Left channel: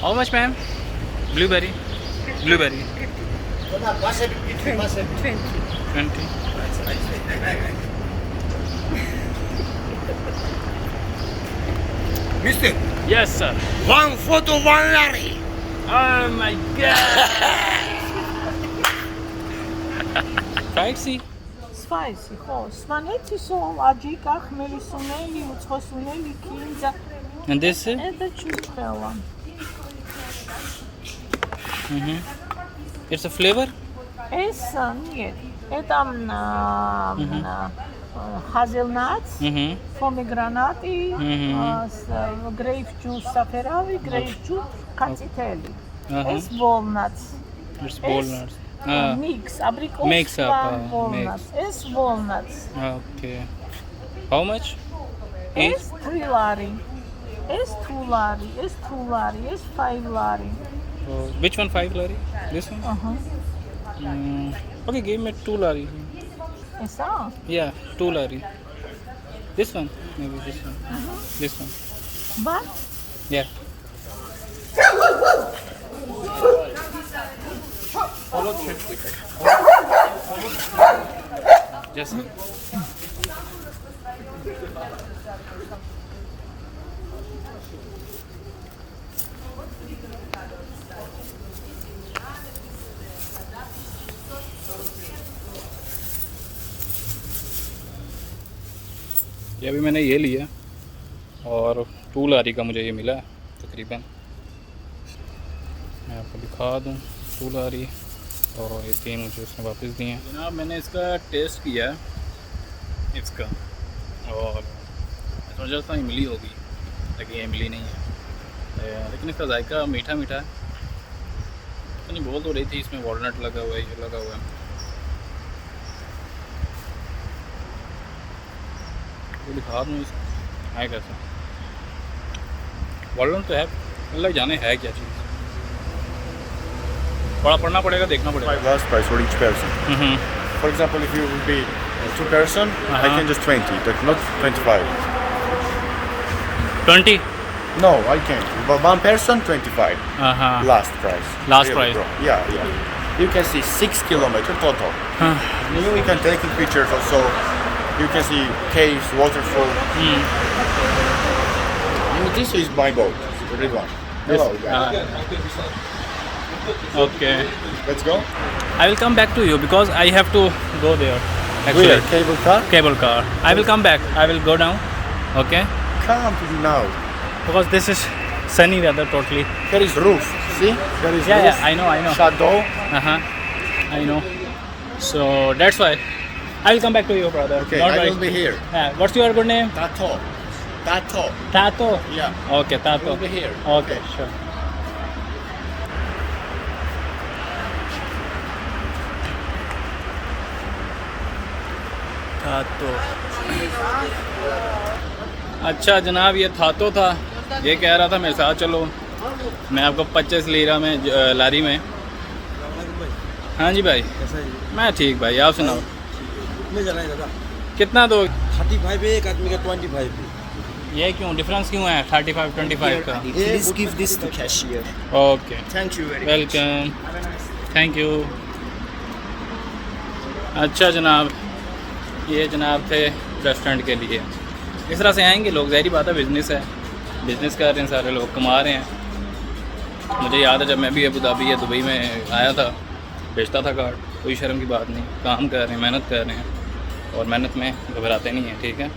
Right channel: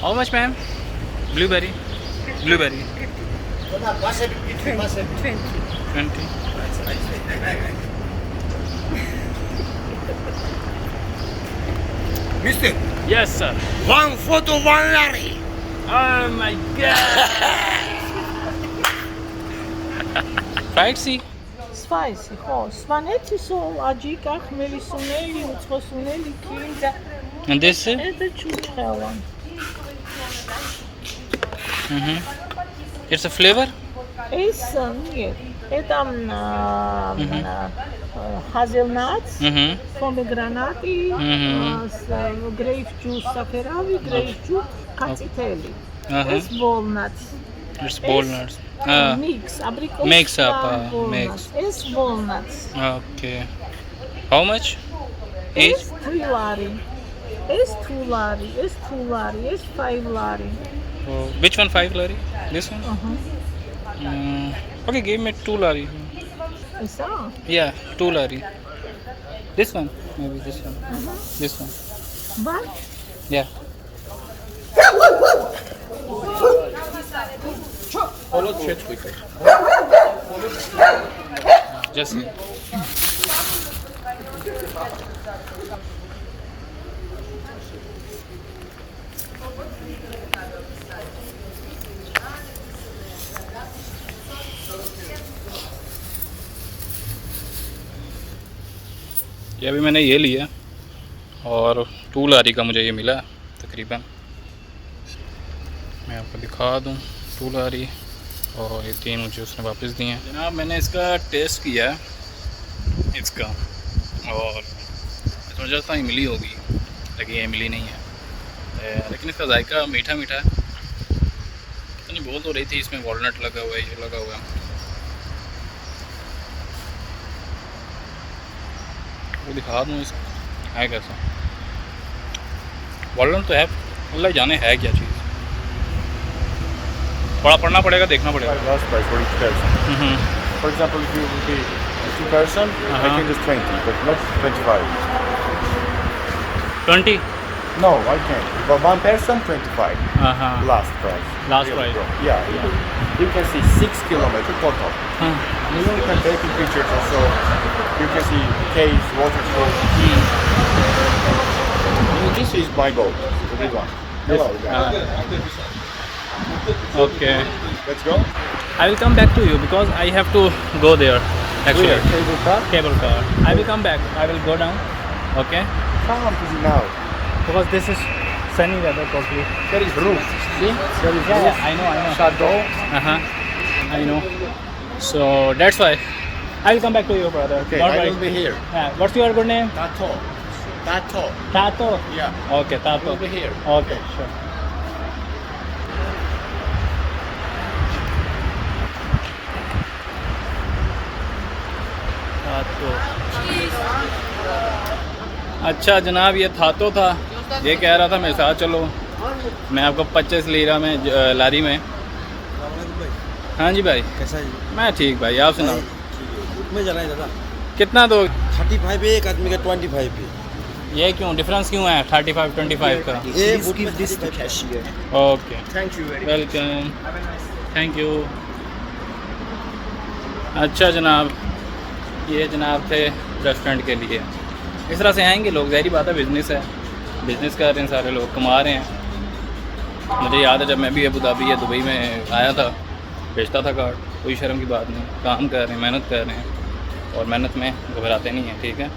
How much, ma'am? Blueberry. Blueberry. 20. Mister, Yes, sir. one photo, one lari. Oh my God. Spicy. Spicy, ხო, სვანეთისო, აჯიკა, ხმელისუნელი, უცხოსუნელი, კინძა, And this? это чучхела. It's a flavor? ეს, нет, это hazelnuts, pomegranate, grape juice, საფერავი, grape juice, კაციტელი. ეს walnuts. It's walnuts. Mix, abricot, Mix up, walnuts. mix. ეს walnuts. Okay. How much? Each? ეს 3 lari. ეს 2 lari, ეს 2 lari, ეს 5 lari. Oh, which one 5 lari? This one? Okay, give me 2 lari. ესა? Yeah, 2 lari. This one? Maybe this one. This one. But Yeah. Just here. ये अभी मैंने ये लिया और 2 लारी का मुझे ये मिला तकरीबन। मैं आपको दिखा दूँ 2 लारी और ये 3 मुझे उसने वापस दिए हैं। जनाब मैंने इसका टेस्ट किया इसका और मैं समझा था इमली होगी लेकिन ये इमली नहीं है, लेकिन इसका जायका मीठा मीठा है। नहीं बोल तो रही थी इसमें वॉलनट लगा हुआ है, ये लगा हुआ है। वो दिखा दूँ इस है कैसा वॉलनट तो है, अल्लाह जाने है क्या चीज़। थोड़ा पढ़ना पड़ेगा, देखना पड़ेगा। Last price for each person. For example, if you will be 2 person, I can just 20, but not 25. 20? No, I can't. For 1 person, 25. Last price. Last Really, price. yeah. You can see 6 kilometers total. You can take pictures also. You can see caves, waterfall. This is my boat, the big one. Hello. Okay. Let's go. I will come back to you because I have to go there. Actually, Where? Cable car? cable car. I will come back. I will go down. Okay. Come to you now. Because this is sunny weather totally. There is roof. See? There is roof. Yeah, I know. Shadow. I know. So that's why I will come back to you, brother. Okay, Don't I worry. will be here. What's your good name? Tato. Tato. Tato. Yeah. Okay, I Tato. will be here. Okay, sure. थातो। अच्छा जनाब ये थातो था, ये कह रहा था मेरे साथ चलो, मैं आपको 25 लीरा में लारी में। हाँ जी भाई, कैसा है? मैं ठीक भाई, आप सुनाओ। कितने जाना है दादा? कितना दो? 35 है, एक आदमी का 25 है। ये क्यों डिफरेंस क्यों है 35-25 का? Please give this to cashier. Okay, Thank you very much. Welcome, thank you. अच्छा जनाब, ये जनाब थे रेस्टोरेंट के लिए। इस तरह से आएंगे लोग, ज़ाहिर बात है बिज़नेस है, बिज़नेस कर रहे हैं सारे लोग, कमा रहे हैं। मुझे याद है जब मैं भी अबू धाबी या दुबई में आया था, बेचता था कार्ड, कोई शर्म की बात नहीं, काम कर रहे हैं, मेहनत कर रहे हैं और मेहनत में घबराते नहीं हैं, ठीक है।